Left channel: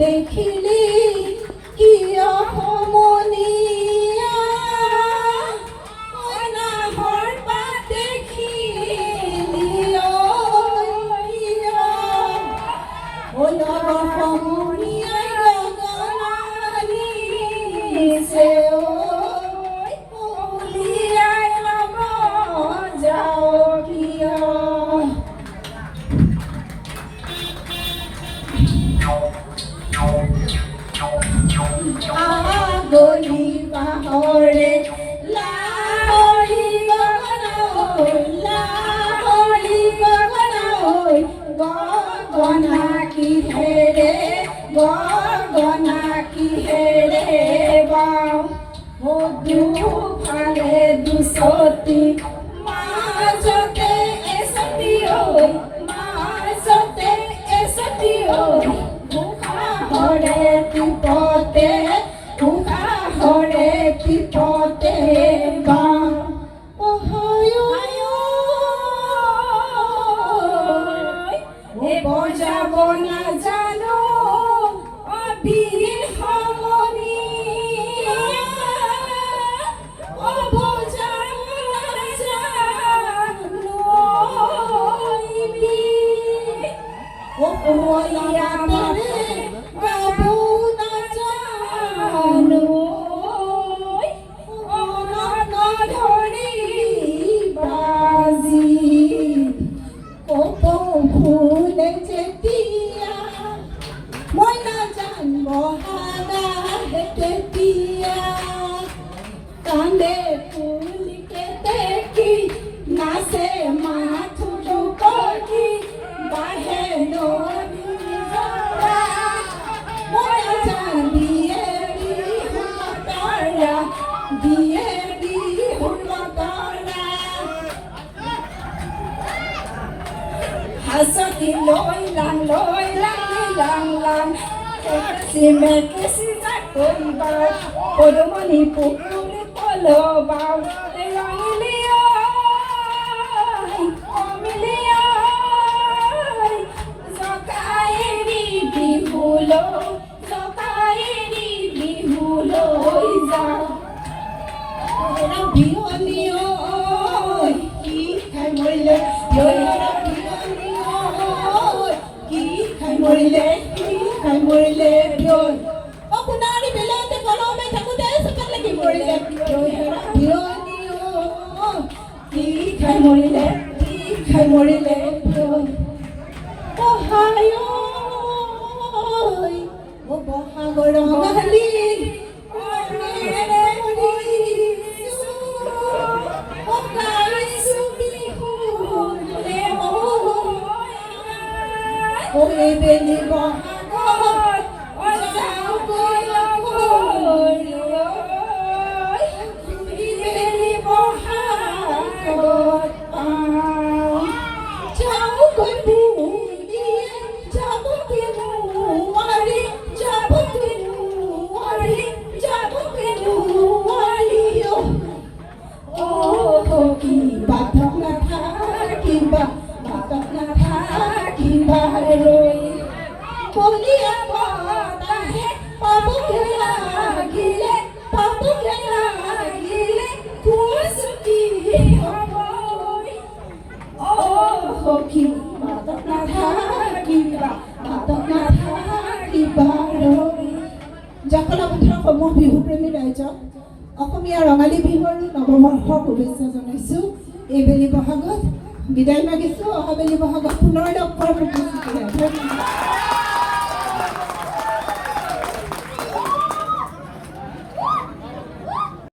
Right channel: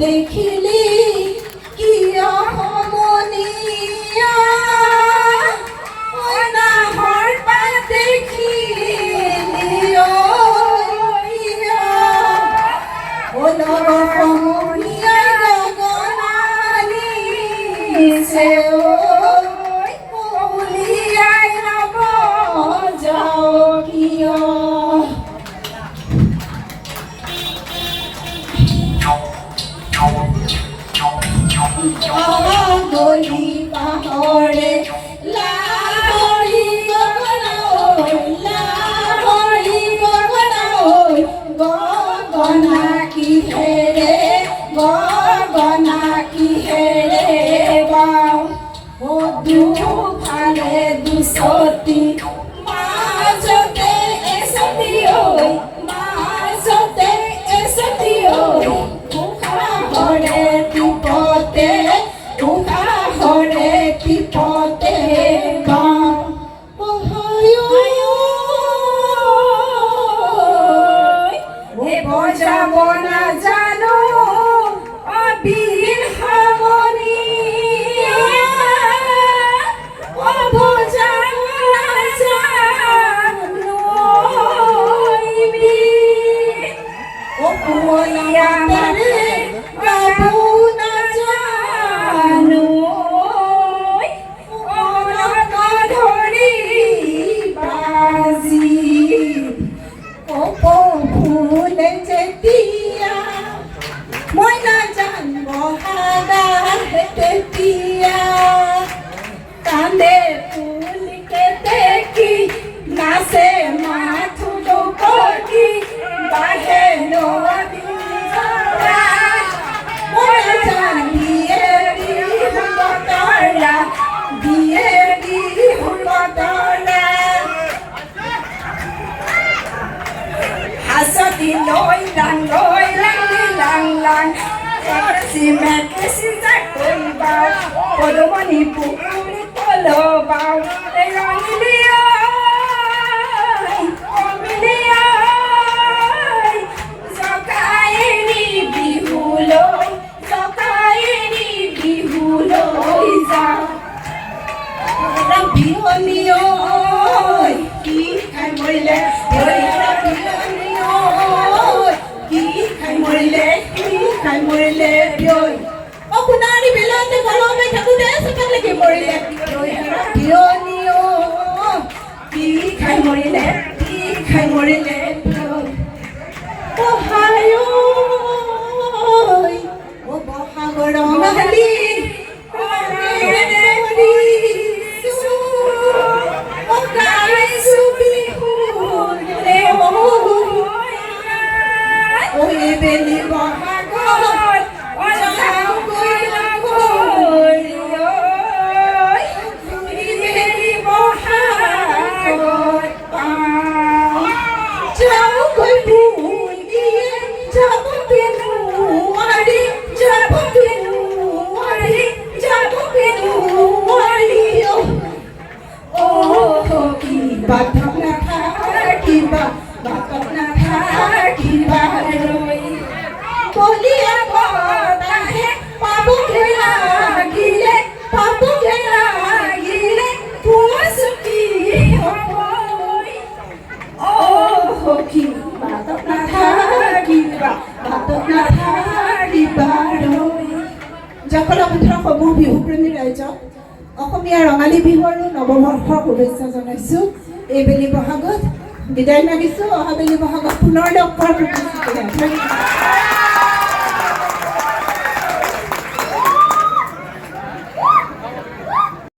দেখিলি কিয় সমনীয়া নাহৰ পাত দেখিলি লগৰ সমনীয়া গগনানিছে উলিয়াই নব যাও কিয় গলি পাহৰে লাহৰি গগনা কিহেৰে বাও দুফালে দুচতি মাজতে এচতি উশাহৰে টিপতে বজাব নাজানো অবিৰ হাৰমনিয়া বজাব নাজানো কুমলীয়া মানে গাব নাজানো ধৰি বাজি ফুলে যেতিয়া মই নাজানো তেতিয়া কান্দে ফুলিকে দেখি নাচে মাথো দুপকি বাহে নদী মই জানিয়ে হুলতৰা দিয়ে হুলতৰা হাসতি লই লাং মেকেছি যাক কইবাও পদমণি পুকুৰি তলবাও জকায়েৰি বিহুলৈ যাওঁ বিহনী কি খাই মৰিলে খাই মৰিলে সোণাৰী বেলাতে ঘৰলৈ থাকোঁতে চকাত লাগি মৰিলে বিয়নী কি খাই মৰিলে বহাগৰ ৰঙালী বেলি বহাগত যাওঁ বেলি বহাগত যাওঁগৈ ফুল দিয়ে যাবগে নোৱাৰি বাটত নাথাকিবা ৰৈ কলিয়া বতাহে পাবগে লাগিলে পুৱাচুকি হ'বই সখী বাটত নাথাকিবা ৰৈ জকলা পুত্ৰ সমূহ বিহুপ্ৰেমী ৰাইজক অসমীয়া ৰঙালী বিহু আৰু নৱবৰ্ষৰ শুভেচ্ছা জনাইছোঁ। এইবেলি বহাগত বিদায় মাগিছোঁ। অহাবেলি বহাগত পুনৰ লগ পোৱাৰ